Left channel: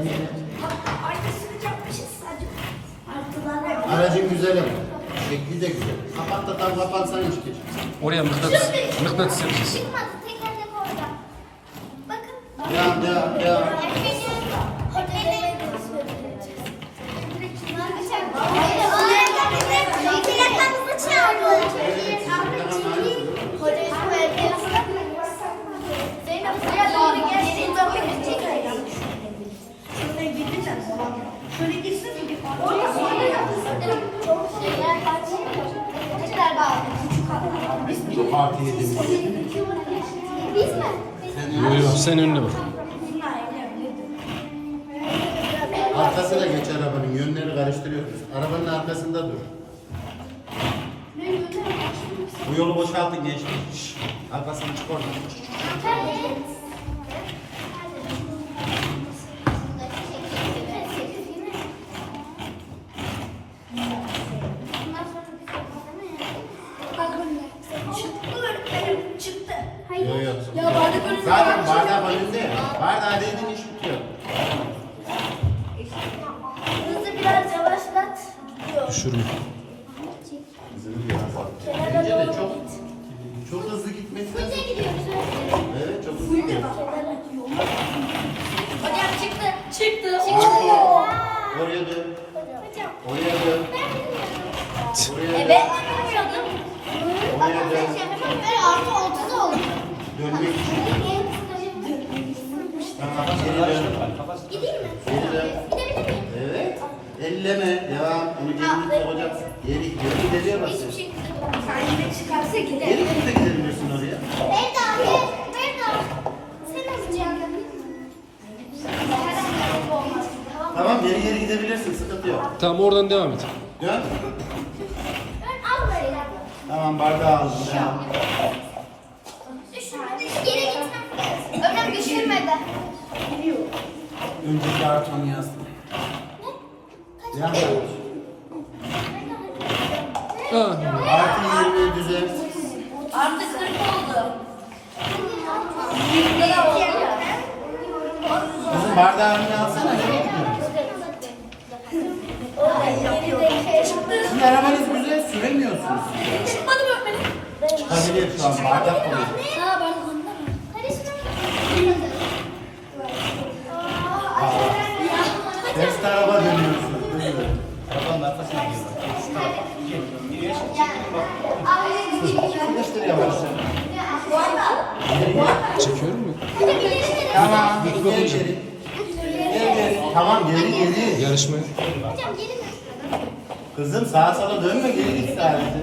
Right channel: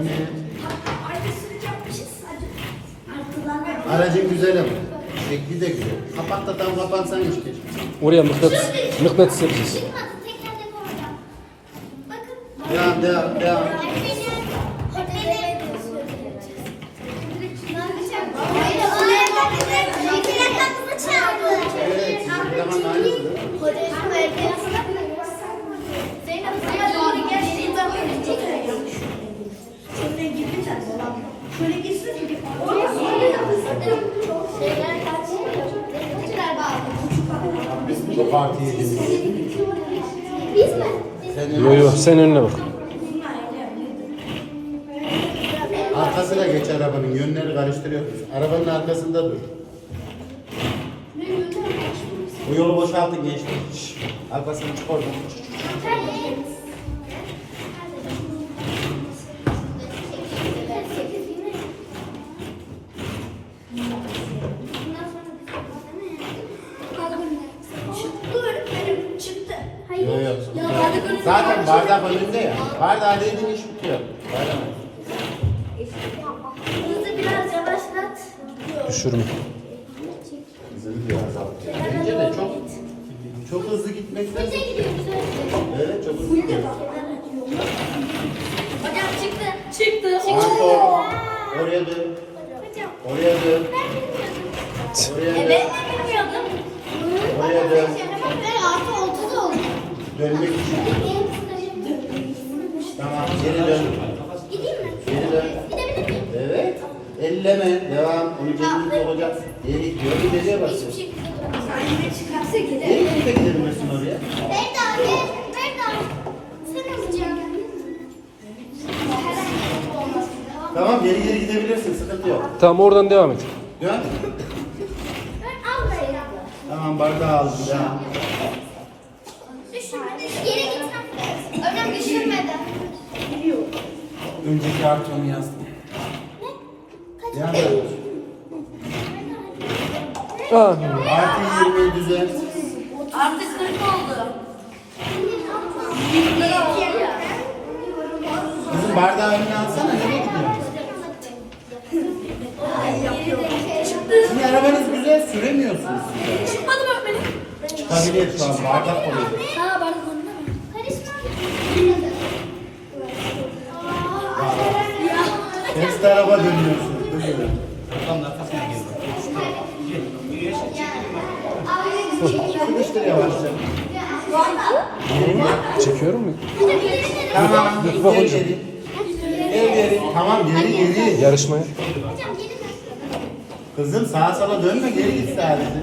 Temizle. Aracın güzel ama. Şekli de güzel. Kapat da tam kapatsan işte. Oraya mıknatıs, mıknatıs yapacağız. Devam devam devam. Hadi. Şöyle gitsin. Çok artı yediniz. Biz mi? Sen Yo yo sen önüne bak. Arkasına geç arabanın. Yönleri karıştırıyoruz. Arabanın arkasında dur. Bu yolu boşaltın gençler. Arkasını çık oradan. Zaten bardak önünde ya. Bardağı dediğin iş bitiyor. Hızı biraz yavaşlat. Düşürme. Bence de çok çok hızlı gitmekten. Evet çok hızlı gidiyor. Hocam çıktı. Çıktı. Or- oraya dön. Hocam. Oraya dön. Oraya dön. Evet. Bilmiyordum. Oraya dön. Ben artı altıda oldum. Dönmek Onu cebine sokacaksın. Geri gidiyor. İleriye basıyor. Hiçbir şekilde Sen çıkarsa gidelim. Geri gidip de gidebilirsin oraya. Berda. Sen. Tamam geri geri gidebilirsin. Sıkıntı yok. Tamam oradan devam et. Dön. Ben al böyle. Tamam bardağı aldım. Devam. Düşürmedi. Geri gitmem. Önem düşürmedi. Önceki artı onu yazdım. Devam Aa, Artı 20 düzen. Artık 40 oldu. Burada oldu ya. Kızım bardağı önüne alsana. Sizin arabanız güzel süremiyorsunuz. Çıkmadı mı öğretmenim? Çıkabilir şu an bardak oluyor. Çekiyorum mu? Tamam. Bak Geri geri. Geri geri. Tamam geri geri. Yarışmaya. Kızım sağa sola dönme geri git sadece.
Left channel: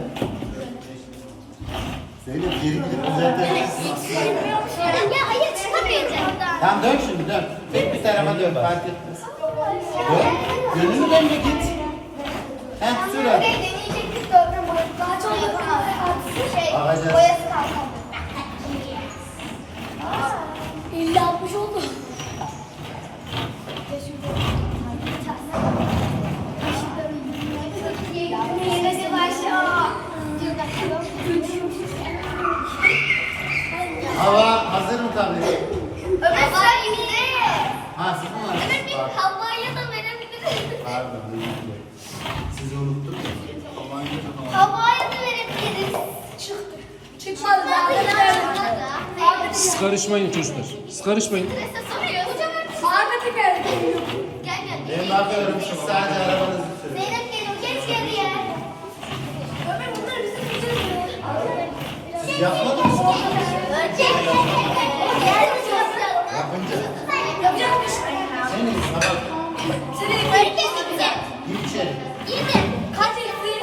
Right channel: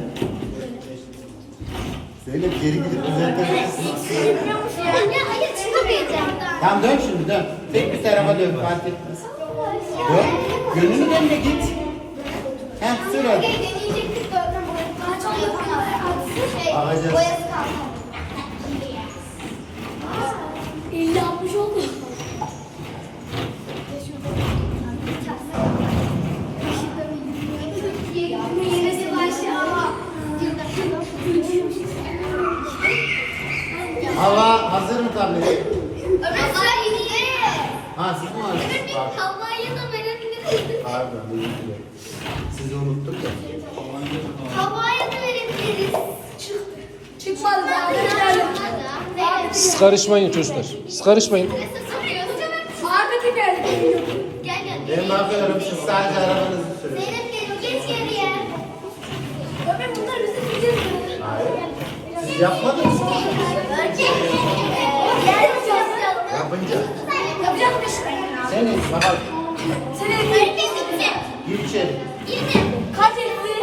Zeynep geri gidip düzeltebilirsin. Ya hayır çıkamayacağım. Tamam dön şimdi dön. Tek bir tarafa dön fark etmez. Dön. Gönlünü dön de git. Heh sür hadi. deneyecektik de öğren daha çok Şey, Bakacağız. boyası kaldı. 50 60 oldu. Yine başla. Hava hazır mı tablet? Ömer sen yine. Ha siz mi varsınız? Evet, havayla da verebiliriz. Pardon. özür dilerim. Sizi unuttum da. Havayla da verebiliriz. Siz karışmayın çocuklar. Siz karışmayın. Ahmet'e geldi. Gel gel. Ben bakıyorum siz sadece arabanızı sürün. Zeynep gelin geç geriye. Ömer bunlar bizim bizim. Siz yapmadınız mı? Gel Yapınca. Yapacakmış. Senin baba Senin öğretmenin gir içeri. Yine. Kaç etti?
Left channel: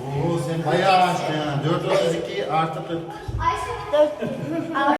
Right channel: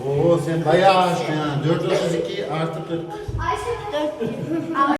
Oo sen bayağı aşkın yani. 432 artı 40. Ayşe.